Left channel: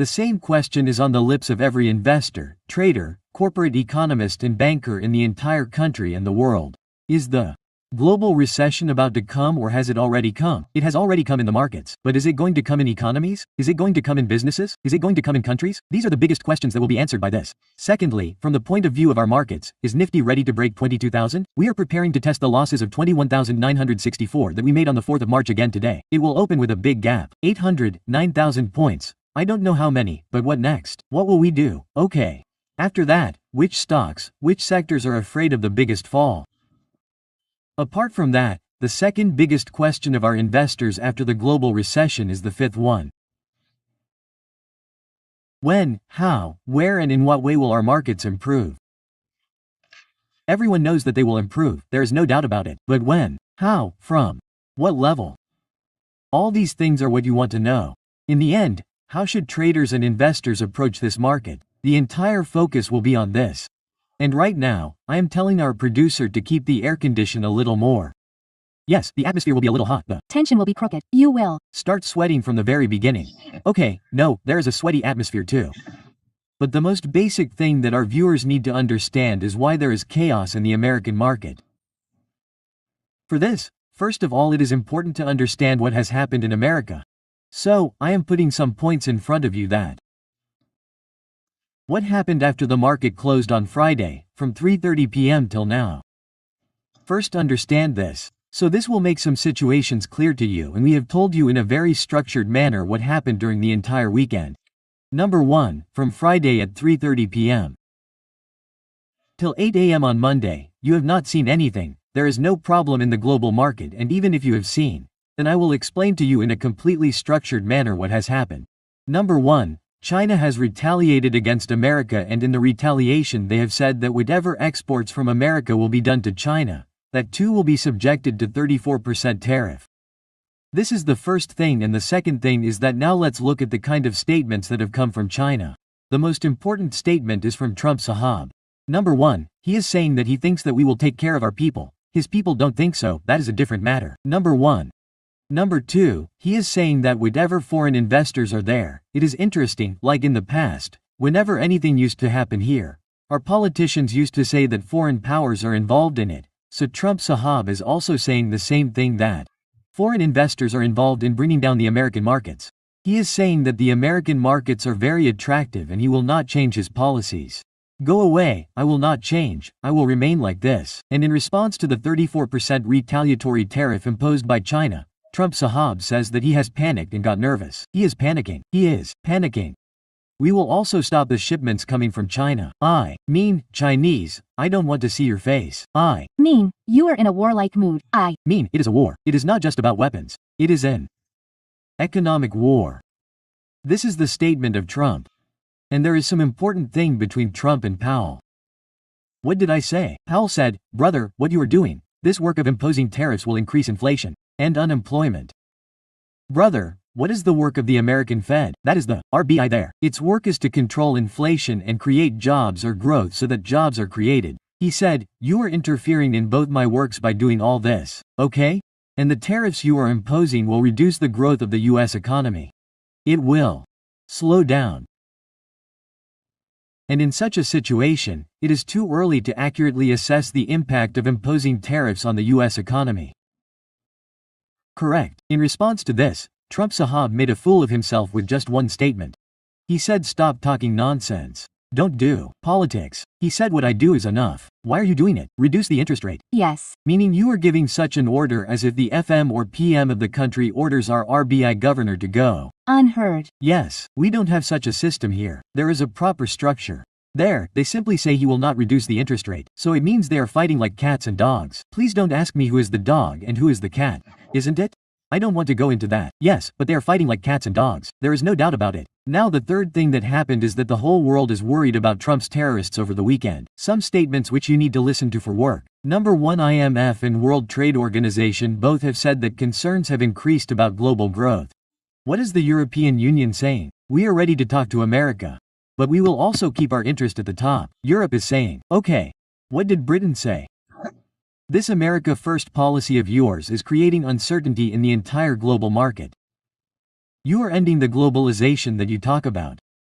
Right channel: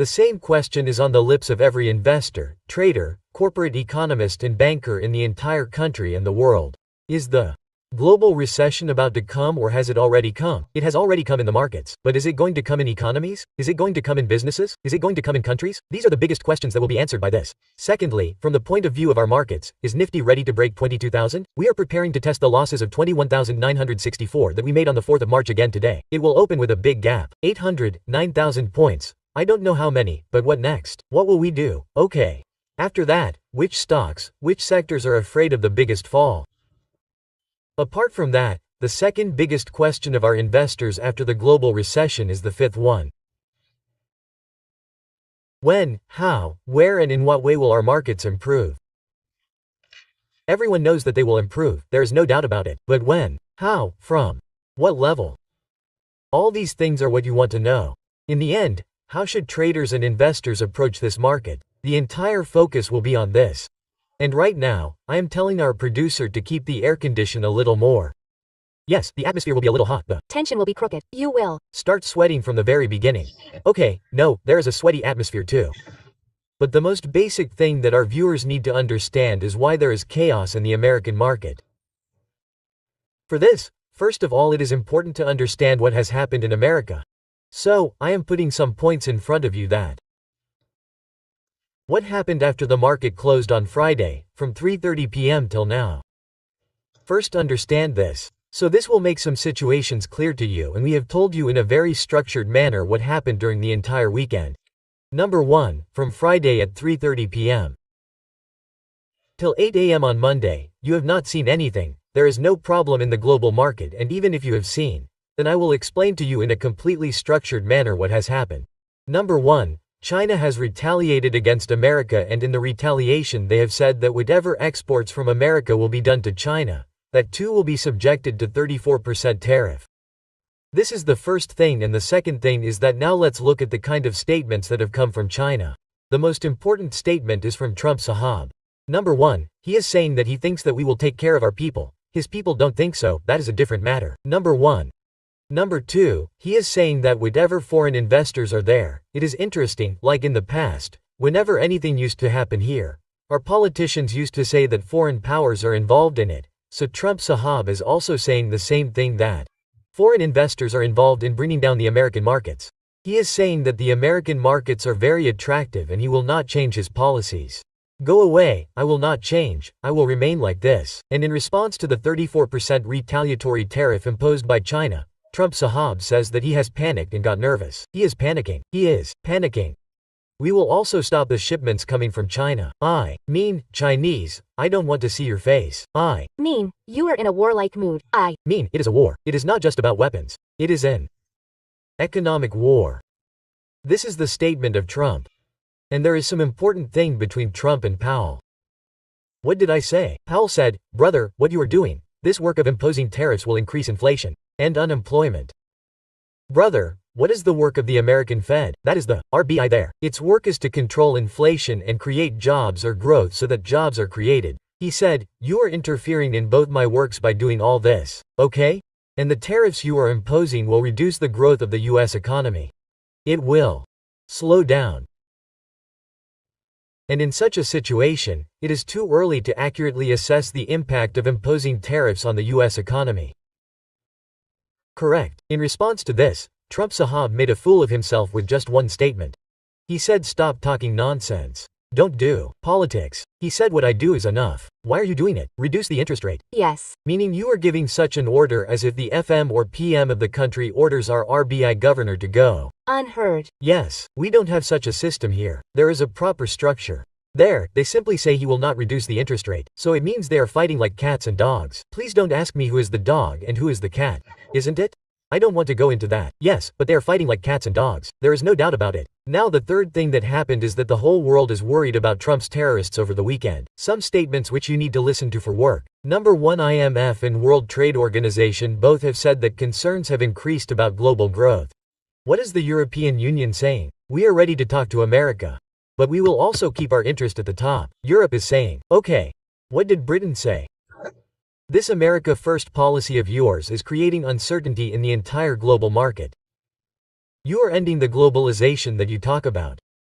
The same question is on the lips of every investor, trader, corporate economist and banker in the entire country and the world. Is the global recession about to come, or has it already come? It has already come in the markets. But is it going to come in economies? Is it going to come in businesses? Is it going to come in countries? These are the biggest questions that will be answered by this. Secondly, from the point of view of our markets, is Nifty ready to break 22,000? We are preparing to test the losses of 21,964 that we made on the 4th of March again today. It will open with a big gap. 809,000 points. I don't know how many, but what next? What will we do? Okay. After that, which stocks, which sectors are afraid of the biggest fall? Apart from that, the second biggest question of our investors after the global recession is the fifth one. When, how, where and in what way will our markets improve? Everyone knows that they will improve, there is no doubt about it. But when, how, from what level? All these things are what you want to know. In the end, how should traders and investors approach this market? The entire focus will be on this. And right now, I am telling our producer to keep the air condition a little more. Yes, the atmosphere will be a little hot. The tension will be crooked. You will start sweating from the very beginning. Okay, no, there is a sweaty atmosphere too. But the most basic thing that our viewers need to understand is why there is chaos in the American market. For this, first of all, it is important to understand what has happened in America. So, I am putting some points in front of you that what happened after the market closed on Friday, from 3:30 p.m. till now. First, understand this. So this will make some situations clear to you, and we have told you in a very structured manner what happened during the entire weekend. Number 1, from Friday at 3:30 p.m. till 8 a.m. on Monday, you have not seen anything. There is no problem in the global market, and even if you have seen, then I will explain to you in a completely structured manner what has happened. Number 1, China has retaliated against America, and in the retaliation they have said that whatever exports from America will be done to China, that too will be subjected to 34% tariff. This is the first thing, and the second thing is that now let's look at the kind of statements that have come from China. The most important statement is from Trump Sahab. Number 1, he is saying that he thinks that we will take care of our people. His people don't think so, that is a different matter. Number 1. Number 2, he is saying that whatever foreign investors are there, it is interesting, like in the past, whenever anything used to happen here, our politicians used to say that foreign powers are involved in it, so Trump Sahab is also saying the same thing, that foreign investors are involved in bringing down the American markets. He is saying that the American markets are very attractive and he will not change his policies. Go away, I will not change, I will remain like this. And in response to the 34% retaliatory tariff imposed by China, Trump Sahab says that he has panicked and got nervous. He is panicking. He is panicking. We will also stop the shipments coming from China. I mean, Chinese, I don't want to see your face. I mean, you are in a warlike mood. I mean, it is a war. It is not just about weapons. It is an economic war. This is the statement of Trump. And there is some important thing between Trump and Powell. What did I say? Powell said, brother, what you are doing, this work of imposing tariffs will increase inflation and unemployment. Brother, what is the work of the American Fed? That is the RBI there. Its work is to control inflation and create jobs or growth so that jobs are created. He said, you are interfering in both my works by doing all this, okay? And the tariffs you are imposing will reduce the growth of the US economy. It will slow down. And in such a situation, it is too early to accurately assess the impact of imposing tariffs on the US economy. Correct. In response to this, Trump Sahab made a fool of himself with just one statement. He said, stop talking nonsense. Don't do politics. He said, what I do is enough. Why are you doing it? Reduce the interest rate. Yes. Meaning you are giving such an order as if the FM or PM of the country orders our RBI governor to go. Unheard. Yes, we don't have such a system here. There is a proper structure. There, they simply say he will not reduce the interest rate, so it means they are fighting like cats and dogs. Please don't ask me who is the dog and who is the cat, isn't it? I don't want to go into that. Yes, but they are fighting like cats and dogs. There is no doubt about it. Now the third thing that happened is that the whole world is worried about Trump's terrorists over the weekend. Some statements which you need to listen to for work. Number 1, IMF and World Trade Organization both have said that concerns have increased about global growth. What is the European Union saying? We are ready to talk to America. But we will also keep our interest at the top. Europe is saying, okay. What did Britain say? This America First policy of yours is creating uncertainty in the entire global market. You are ending the globalization that you talk about.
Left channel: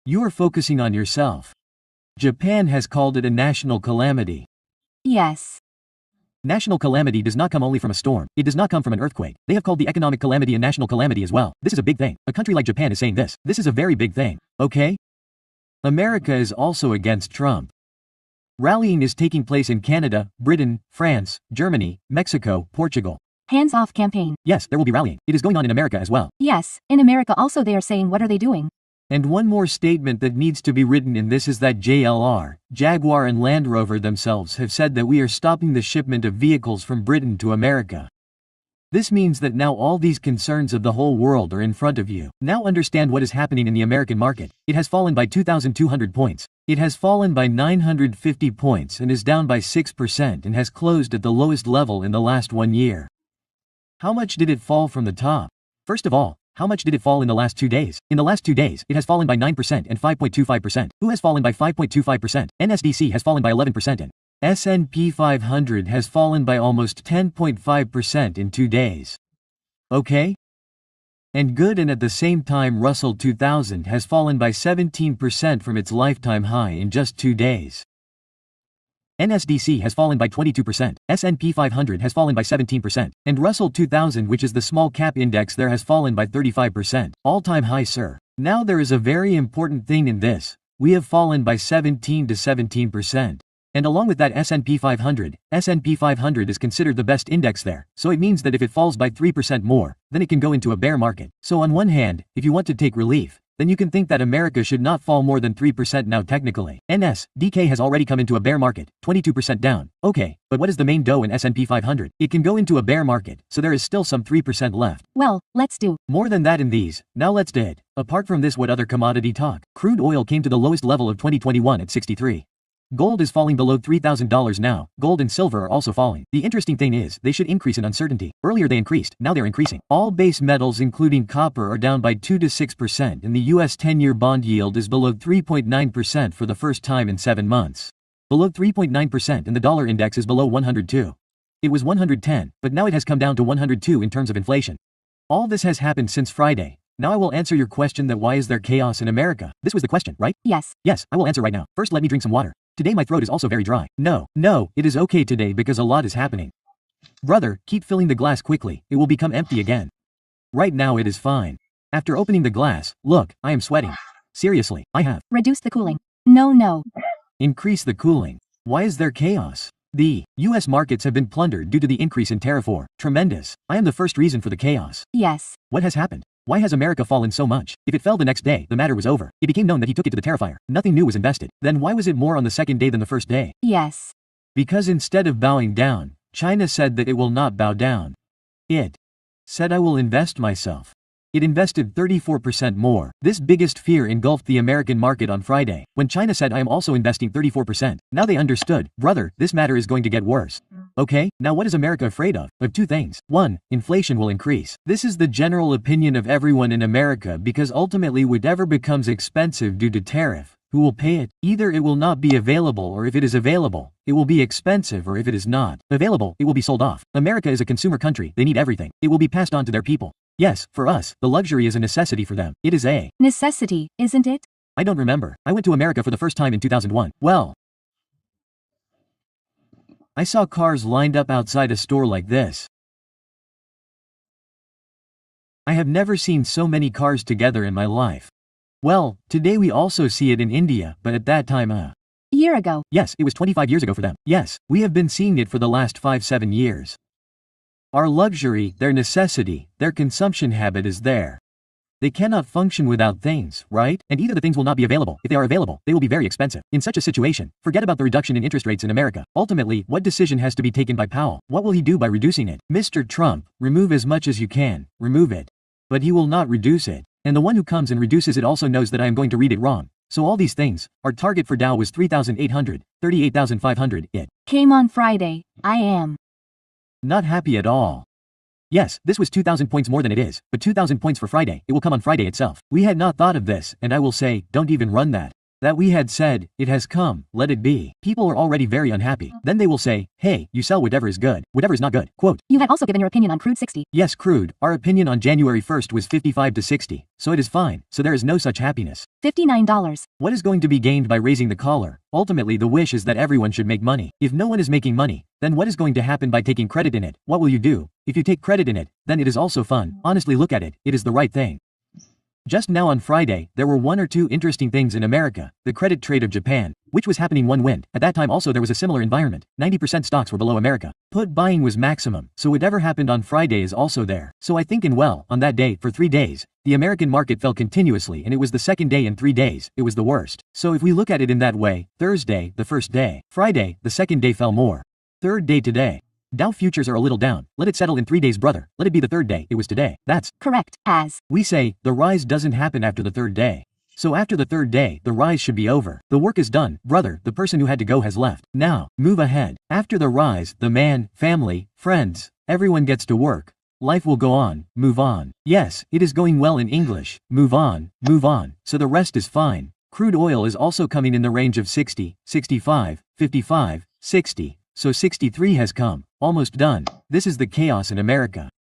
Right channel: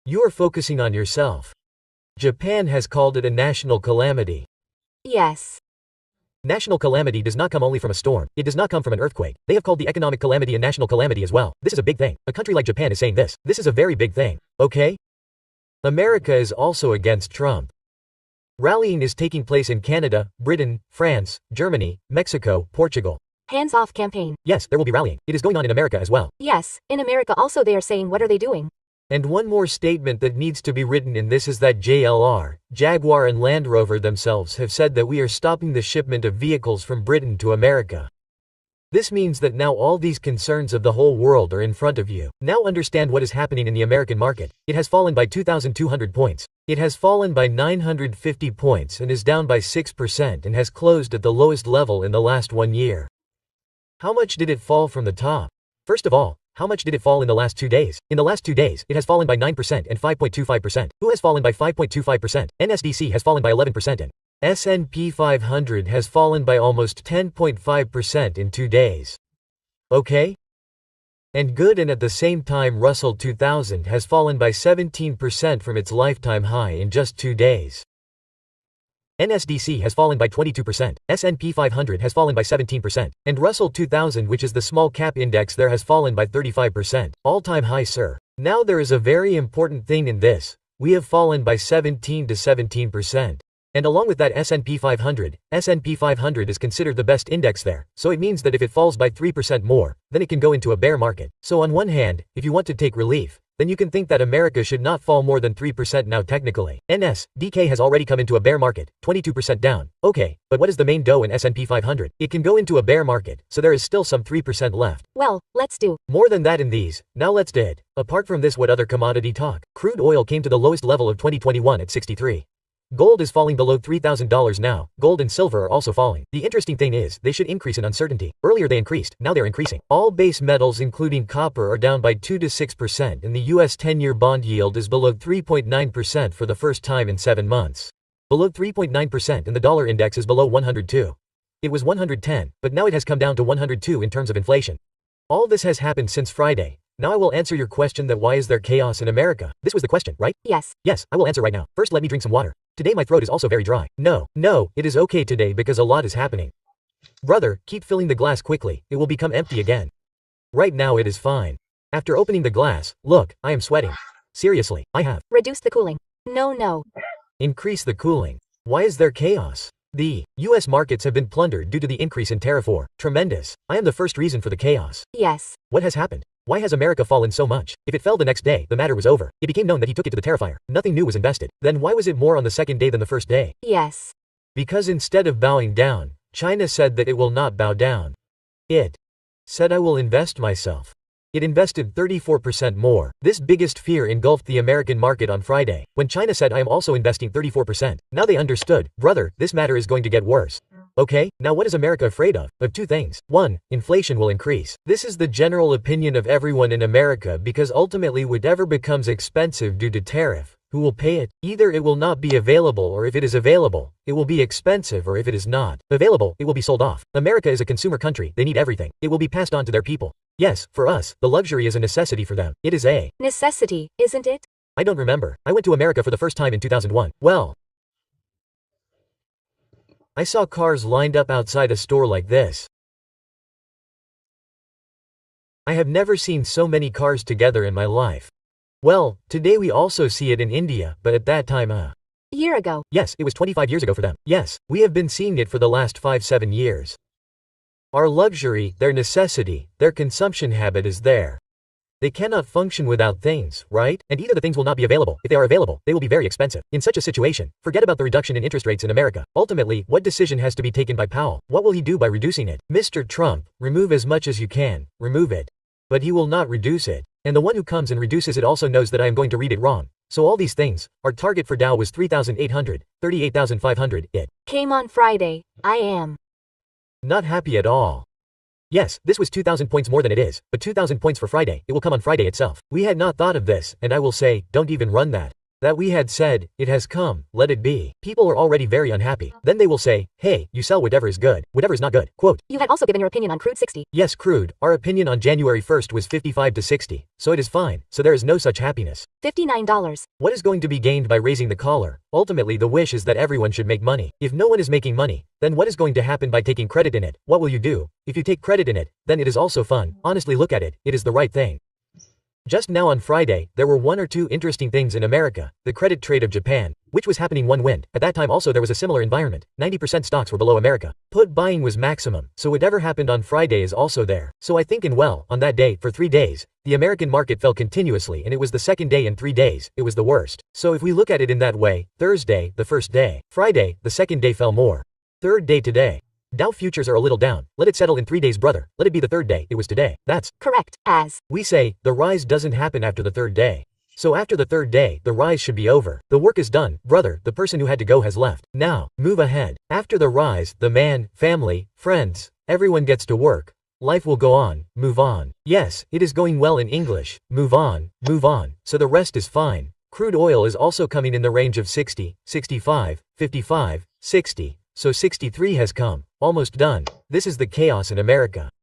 You are focusing on yourself. Japan has called it a national calamity. Yes. National calamity does not come only from a storm. It does not come from an earthquake. They have called the economic calamity a national calamity as well. This is a big thing. A country like Japan is saying this. This is a very big thing. Okay? America is also against Trump. Rallying is taking place in Canada, Britain, France, Germany, Mexico, Portugal. Hands off campaign. Yes, there will be rallying. It is going on in America as well. Yes, in America also they are saying what are they doing? And one more statement that needs to be written in this is that JLR, Jaguar and Land Rover themselves have said that we are stopping the shipment of vehicles from Britain to America. This means that now all these concerns of the whole world are in front of you. Now understand what is happening in the American market. It has fallen by 2,200 points. It has fallen by 950 points and is down by 6% and has closed at the lowest level in the last 1 year. How much did it fall from the top? First of all, how much did it fall in the last 2 days? In the last 2 days, it has fallen by 9% and 5.25%. Who has fallen by 5.25%? NSDC has fallen by 11% and S&P 500 has fallen by almost 10.5% in 2 days. Okay? And good, and at the same time Russell 2000 has fallen by 17% from its lifetime high in just 2 days. NSDC has fallen by 22%, S&P 500 has fallen by 17%, and Russell 2000, which is the small cap index, there has fallen by 35%. All-time high, sir. Now there is a very important thing in this. We have fallen by 17 to 17%. And along with that S&P 500 is considered the best index there, so it means that if it falls by 3% more, then it can go into a bear market. So on one hand, if you want to take relief, then you can think that America should not fall more than 3% now technically. NSDK has already come into a bear market, 22% down. Okay, but what is the main dough in S&P 500? It can go into a bear market, so there is still some 3% left. Well, let's do more than that in these. Now let's do it. Apart from this, what other commodity talk? Crude oil came to the lowest level of 2021 at 63. Gold is falling below $3,000 now. Gold and silver are also falling. The interesting thing is, they should increase in uncertainty. Earlier they increased, now they're increasing. All base metals including copper are down by 2 to 6% and the US 10-year bond yield is below 3.9% for the first time in 7 months. Below 3.9% and the dollar index is below 102. It was 110, but now it has come down to 102 in terms of inflation. All this has happened since Friday. Now I will answer your question that why is there chaos in America? This was the question, right? Yes. Yes, I will answer right now. First let me drink some water. Today my throat is also very dry. No, it is okay today because a lot is happening. Brother, keep filling the glass quickly, it will become empty again. Right now it is fine. After opening the glass, look, I am sweating. Seriously, I have. Reduce the cooling. No. Increase the cooling. Why is there chaos? The US markets have been plundered due to the increase in tariff war. Tremendous. I am the first reason for the chaos. Yes. What has happened? Why has America fallen so much? If it fell the next day, the matter was over. It became known that he took it to the tariffier. Nothing new was invested. Then why was it more on the second day than the first day? Yes. Because instead of bowing down, China said that it will not bow down. It said I will invest myself. It invested 34% more. This biggest fear engulfed the American market on Friday, when China said I am also investing 34%. Now they understood, brother, this matter is going to get worse. Okay, now what is America afraid of? Of 2 things. 1, inflation will increase. This is the general opinion of everyone in America because ultimately whatever becomes expensive due to tariff, who will pay it? Either it will not be available, or if it is available, it will be expensive, or if it is not available, it will be sold off. America is a consumer country, they need everything. It will be passed on to their people. Yes, for us, the luxury is a necessity for them. It is a necessity, isn't it? I don't remember. I went to America for the first time in 2001. Well, I saw cars lined up outside a store like this. I have never seen so many cars together in my life. Well, today we also see it in India, but at that time year ago. Yes, it was 25 years ago for them. Yes, we have been seeing it for the last 5-7 years. Our luxury, their necessity, their consumption habit is there. They cannot function without things, right? And either the things will not be available. If they are available, they will be very expensive. In such a situation, forget about the reduction in interest rates in America. Ultimately, what decision has to be taken by Powell? What will he do by reducing it? Mr. Trump, remove as much as you can, remove it. But he will not reduce it. And the one who comes and reduces it also knows that I am going to read it wrong. So all these things, our target for Dow was 3,800, 38,500, it came on Friday. I am not happy at all. Yes, this was 2,000 points more than it is, but 2,000 points for Friday, it will come on Friday itself. We had not thought of this, and I will say, don't even run that. That we had said, it has come, let it be. People are already very unhappy. Then they will say, hey, you sell whatever is good, whatever is not good. Quote. You had also given your opinion on crude 60. Yes, crude, our opinion on January 1st was 55 to 60. So it is fine, so there is no such happiness. $59. What is going to be gained by raising the collar? Ultimately the wish is that everyone should make money. If no one is making money, then what is going to happen by taking credit in it? What will you do? If you take credit in it, then it is also fun. Honestly look at it, it is the right thing. Just now on Friday, there were one or two interesting things in America. The credit trade of Japan, which was happening one wind. At that time also there was a similar environment. 90% stocks were below America. Put buying was maximum. So whatever happened on Friday is also there. So I think on that day, for 3 days, the American market fell continuously and it was the second day in 3 days, it was the worst. So if we look at it in that way, Thursday, the first day. Friday, the second day fell more. Third day today. Dow futures are a little down. Let it settle in 3 days, brother. Let it be the third day. It was today. That's correct, as we say, the rise doesn't happen after the third day. So after the third day, the rise should be over. The work is done, brother. The person who had to go has left. Now, move ahead. After the rise, the man, family, friends, everyone gets to work. Life will go on, move on. Yes, it is going well in English. Move on, so the rest is fine. Crude oil is also coming in the range of 60, 65, 55, 60. So 63 has come. Almost done. This is the chaos in America.